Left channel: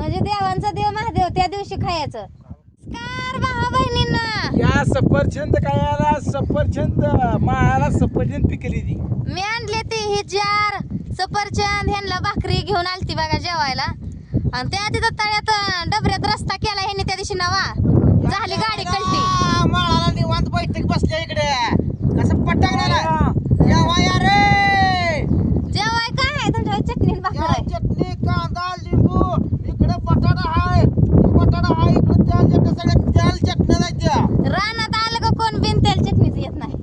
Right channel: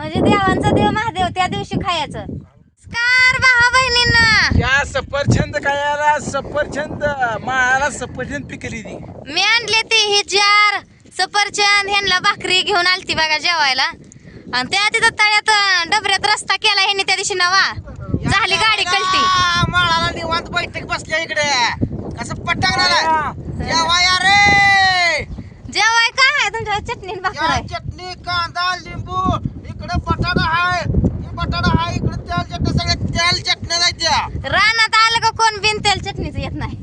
म्हणजे देवांचा देव महादेव त्या दिवशी खायचं. कार भावा बहिणींना या सफरचंद खायला सफरचंद माळाला सफरचंद पिकली ती. मी आणले ती ही जार सफरचंद ह्यांना भाकरी घेऊन आलती बघा जेवायला. आणि त्या तिथं तळ्यात डबऱ्यात रस्ता केला ह्यांनी त्या दिवशी नवा झाली गाडी कळती. माळाला निवांत बैठक बसल्या इकडे कसं पटांगणाला जेवाय रे जेवाय काय आहे तुमच्या चटणी आणि भाकर आहे. चटणी कांदा लिंबू इकडे बटाटा हाय बटाटा हाय इकडे तेल चटणी सगळ्या तेल चटण्या जायच्या. रानात आलं का कोण बिन तेल चटणीच येत नाही.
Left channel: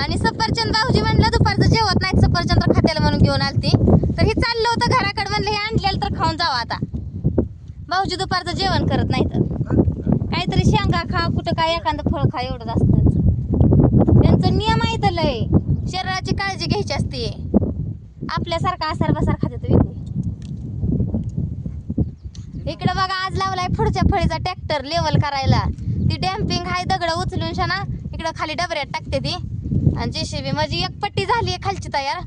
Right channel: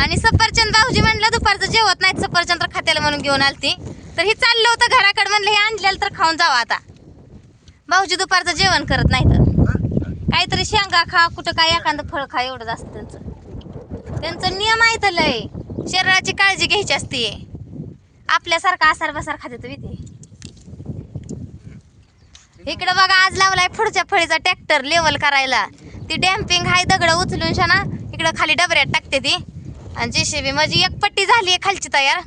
आणि सफरचंद भाऊजी म्हणलं दुपारचं जेवत नाही सफरचंद तर खात्याला म्हणून घेऊन आलती. तर हे चाललं होतं घराकडे म्हणलं हे आणलेलं तर खाऊन जावं. आता भाऊजी दुपारचं जेवण करत नाही तर काहीतरी शेंगा खा कुठं काय एखादं फळ खा एवढंच असतं त्यांचं नियम आहे तर लय. शरीराची काळजी घ्यायची असते. आपल्यासारखा आसार बसार खाते विधी. इकडं बघा आज लावलाय पुढच्या फळीचा ट्रॅक्टर लेवल करायला. ती डॅम्पिंग हाय दगड उचलून शाना इकडं खाली डबऱ्यात टाकते ती. आणि जेसीबी माझी एक पट्टी झाली आहे खालची तयार.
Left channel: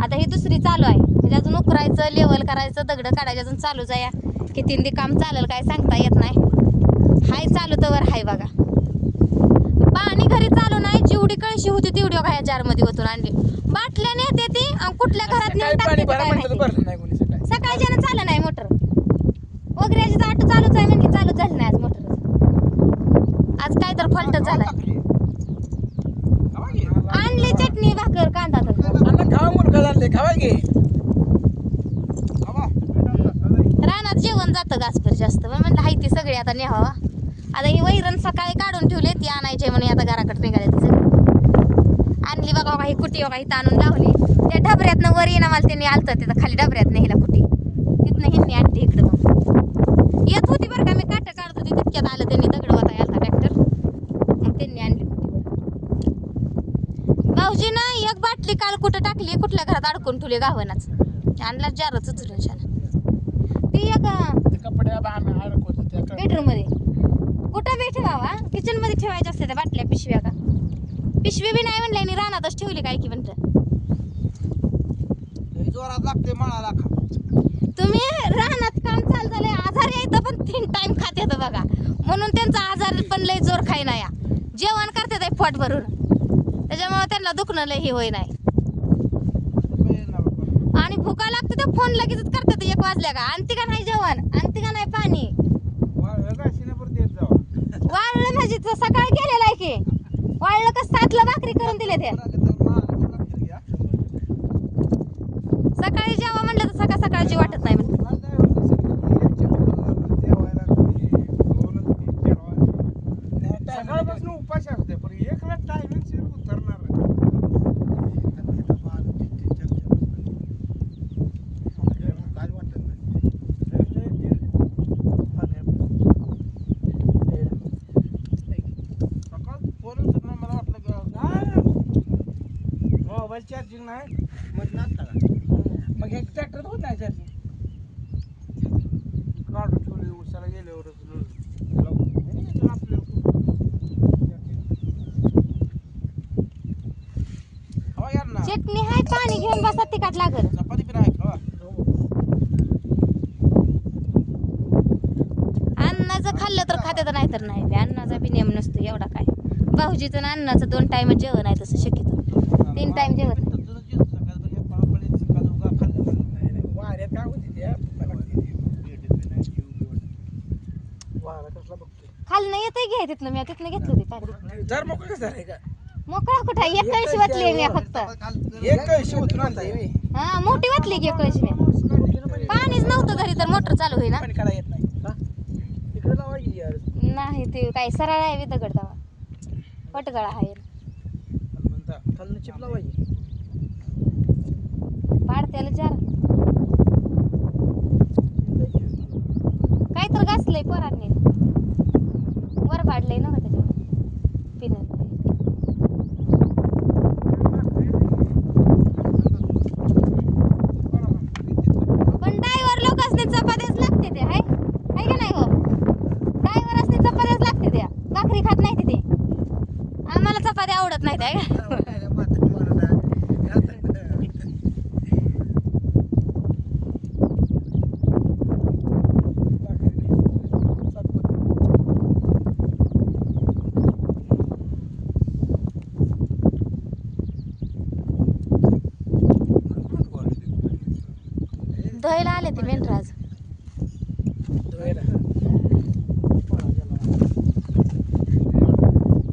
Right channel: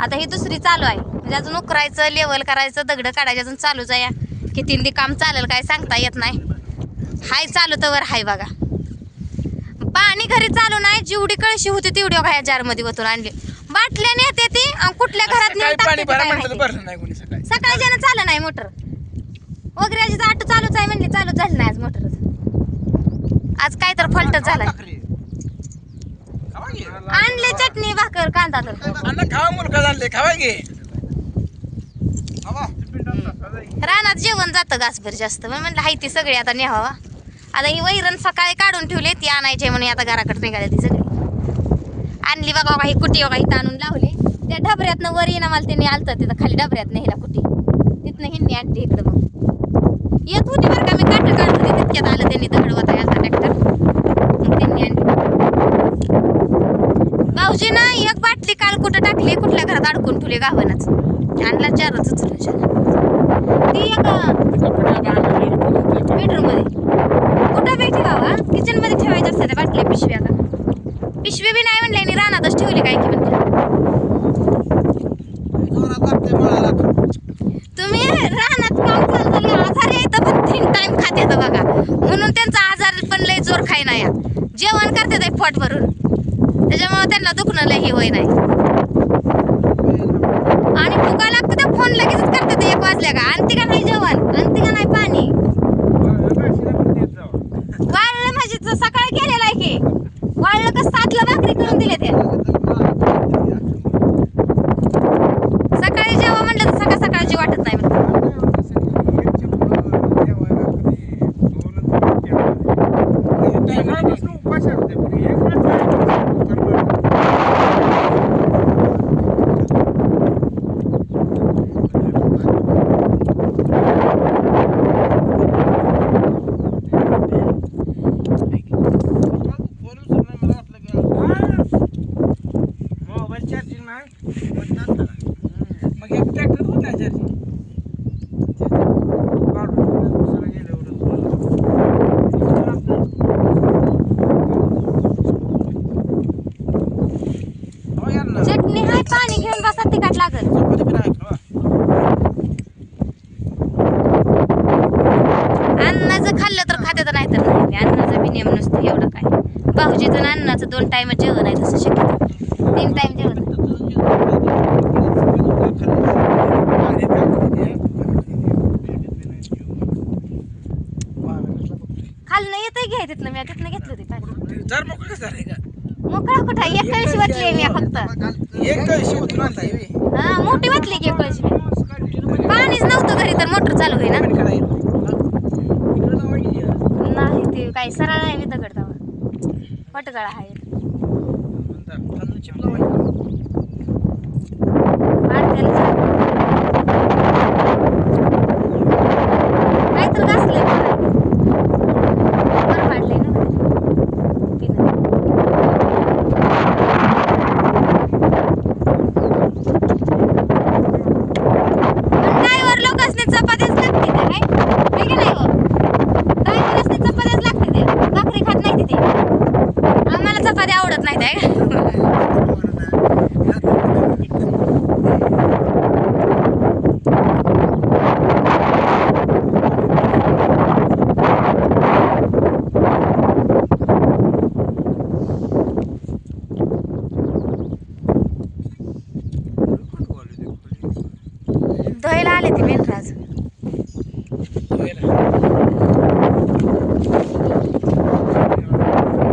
आता ही दुसरी चालू आहे म्हणजे अजून उकरायचं लेवल करायचं दगड काढायचं अजून चालूच आहे. किती काम चालेल काय सांगता येत नाही. हाय चालू तर हाय बघा. पाणी घरी चालू नाही जेवढी कळशी होती तेवढी बघा या जार मध्ये ओतून आणली. बाटल्याने येते ती कुठल्या घरात नेऊन टाकते सकाळी ज्यानं चालू नाही मोटर वगैरे आटो चालूच आहे म्हणली चालू झाली नाही आज मोटर. आज काय तर फॉल्ट झालाय. आणले चटणी भाकर कांदा तर रानात जेवण जातं घासभर जास्त म्हणलं हाय ती सगळी आता न्यावा. आता ही वैरण सकाळी काढून ठेवले ती आणायची म्हणून आता घराकडे निघाले ती सगळी आणली बघा बघा ही कुटी बघा इथं आणून लावली. त्या डबऱ्यातनं वर येणं मला त्यांनी आलतं तिथं खाली डबऱ्यातनं हिला कुटी तिथनं ह्यांनी आणली इकडं. मग येत होती बरं का मी काट काढत होती तितक्यात आलं त्यांनी दगड वाता आलता ट्रॅक्टर मग त्यांनी आणली. भाऊजी ना एक बाटली काल कुठं टाकली कुठल्या घरात अडकून ठेवली गावानाच आणला चारच उचलून ती एक बेडरूम मध्ये कुठं बी ठेवावा किचन मध्ये ठेवायच्या असतात त्या बाटल्या पिशव्या का पिशवी बी नाही म्हणले रानातच ठेवली काय की म्हणलं. तुम्ही रानात काम चालू झाले आजार यायचं पण 3 टाइम खाते बघा म्हणून त्यांचा आजार पण लय जोर खाय नाही. जेवण करते ते पोट भरून त्याच्यामुळे त्यांना दुखणं लय हे होई नाही. आणि भुका लागतं त्या फोन लगेच करते ते 1 वाजल्या का आणते का नाही जेवण आणते का नाही पाणी वाळलं म्हणजे सकाळी गेलेला आहे की वाळलं का 7ला भाकरी करून दिले ते सकाळी जेव्हा म्हणलं तर सकाळ सकाळची वाटत नाही म्हणलं. चार्जिंग नाही मग एक ट्रॅक्टर होत नाही चार्जिंग चटणी हाय पाणी घेऊन बसा तिखट लागल. अन्नाचं खाल्लं तर खाते तर नाही तर नाही. अन्नाचा बी नियम नसतो एवढा काय. भाऊजीचं अन्नाचं 2 टाइम जेवण आहे तसं शक्यतो 3 टाइम जेवण खाल्लं येतंय घ्याय तिथनं मी तिथनं घेतलं ते पाणी जर मोकळं झालंय का मोकळा कुठं एक कळशी वाटली मी फक्त एक कळशी होती हा मोठी वाटली की एक कळशी मी पाणीच नव्हतं घरी तर मोटर चालू होईना नाही ते काय सरळ आहे मी दगड दावा पटगळा आहे काय तर घासलंय बरं पाडलंय ना ड्रायव्हर लोकांनी चपात्याच लागते ते काय की नाही हो ड्रायव्हरसनी चपात्याच लागते ते भाकरी खात नाही तिथे आम्हाला चपात्या आवडत नाही त्या धुवायला आले ते मेंढर आज.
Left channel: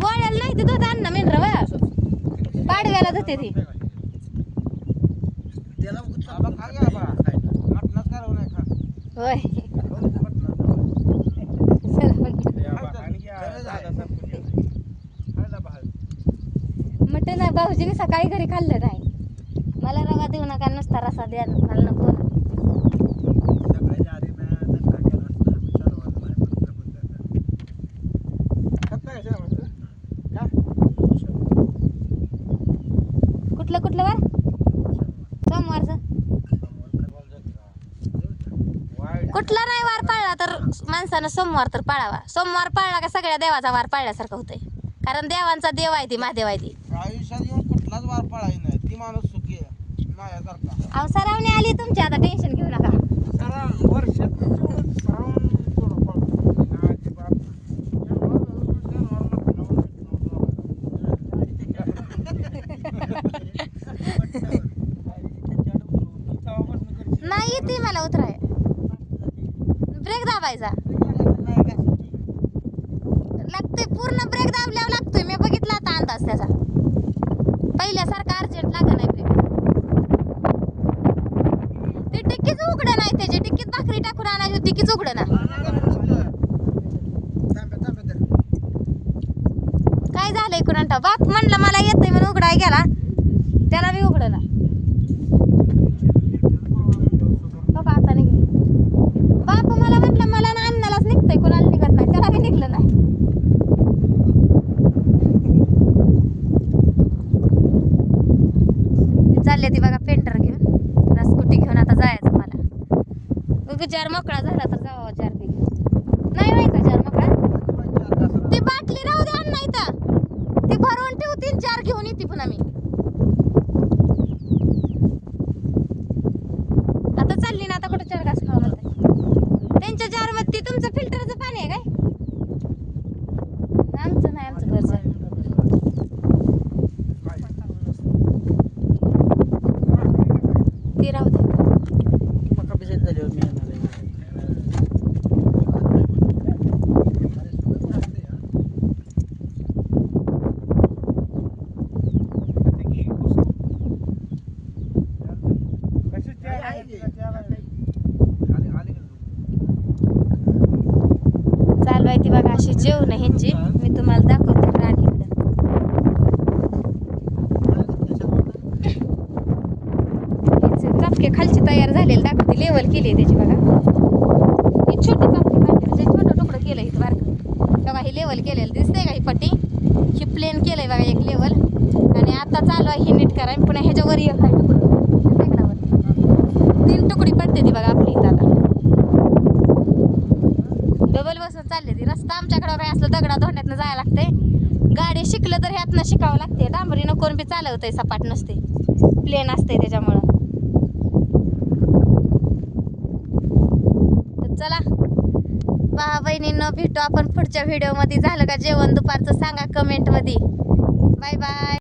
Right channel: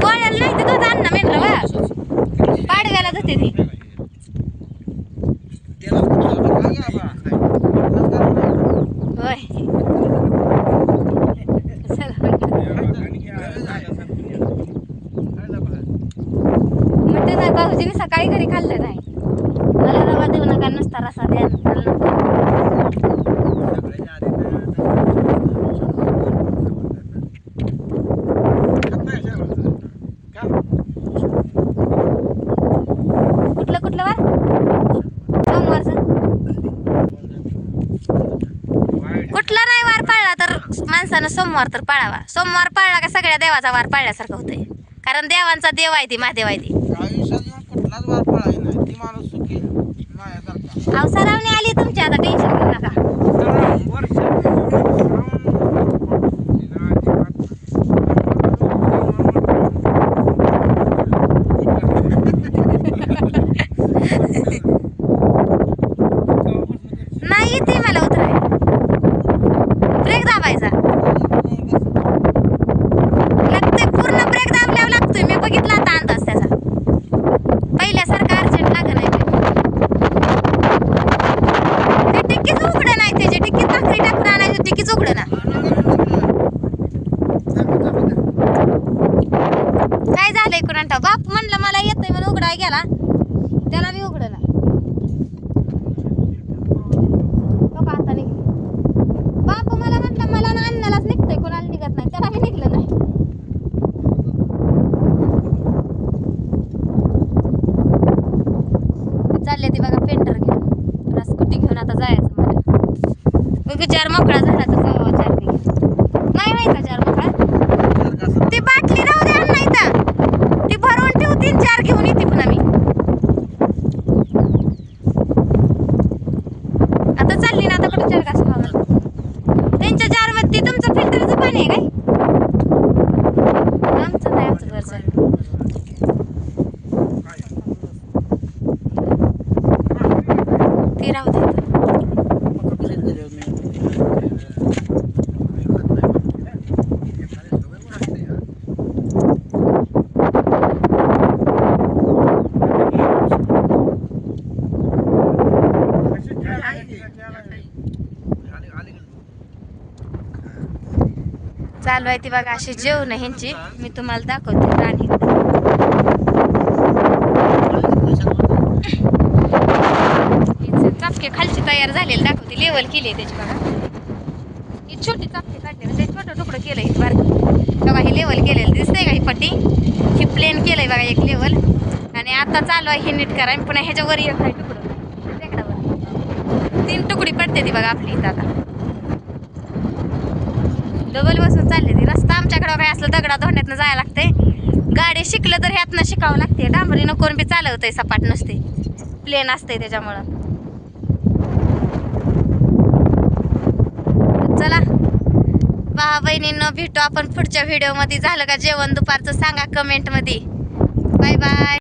पोळ्याला नाही ते दूध आण ना मेंढर बा. पाडव्याला धुते ती. होय म्हणते नाही भाऊजीने सकाळी घरी खाल्लं नाही. मला रवा देऊ नका नुसता रसा द्या. कुठलं कुठलं वार सोमवारचं कुठला नाही वार पाळला तर माणसानं सोमवार तर पाळावा. सोमवार पाळला का सगळ्या देवाचा वार पाळल्यासारखं होतंय. कारण देवांचा देव आहे ती महादेव आहे ती. आयुष्यात येऊन कुठलाच वार पळाय नाही ती माणूस सुखी आहे माझ्यासारखा. अवसरावणी आली तुमची आता टेन्शन घेऊ नका. नाही येते मला उतराय. ब्रेक दाबायचा लागतोय पूर्ण ब्रेक दाबल्यावर लागतोय. मी बघितला आता अंदाज त्याचा. पहिल्यासारखा अर्जंट लाग नाही ते टिक्कीच उघड नाही. त्याची टिक्कीत भाकरी टाकून आणायची टिक्कीच उघड ना. काय झालंय कुणाला बाप म्हणलं मला येतोय म्हणून उघडाय गेला त्याला बी उघड ना. आता निघ बाप मला म्हणलं मला ना अन्नालाच निघतोय कुणाला निघत नाही त्याला बी निघलं नाही. चालले ती बघा पेंटर घेऊन. स्कूटी घेऊन आता जायचं मला. जार मोकळा झाला तर जावा चार पी नाही व्हायचा जार मोकळा. ती बाटली राहू दे अण्णा इथं. ती भरवून ठेवती जार घेऊन येते पुन्हा मी. आता चालली ना आता कुठं चार घास खावा. त्यांच्या जार मध्ये तुमचं फिल्टरचं पाणी आहे काय? आमचं नाही आमचं घरचं. ती राहू दे. चालू आहे ती बघा अशी जेवण ह्यांची. मी तुम्हाला दाखवते राणी. चापके खालची तयार झालेली दाखवते. लेवल केली त्याची बघा. ही छोटी चापके काढते म्हणजे छोटं तुकडं केलंय बारकं बघा. ही लेवल केलेलं दिसतंय का? ही पट्टी ही प्लेन केलंय बघा एक लेवल. आणि आता चालू आहे हे नीट करा. पुन्हा ह्याच्यावर एक आहे तुकडं टेकडावर 3 तुकडी पडते ती बघा आपली इथं. आता डबल बसून चालले ती. रस्ता आमच्याकडं काय असलं दगडा धोंड्यातनं जायला लागते. गाडी शिकलं तर ह्यातनं शिकावं लागते. डांबरीनं कोण बी चालवतंय सपाट नसते प्लेन असते त्याच्यामुळं. चला भावा बहिणींनो भेटू आपण पुढच्या व्हिडिओमध्ये. झालं का जेवण दुपारचं सांगा कमेंटमध्ये. Bye bye.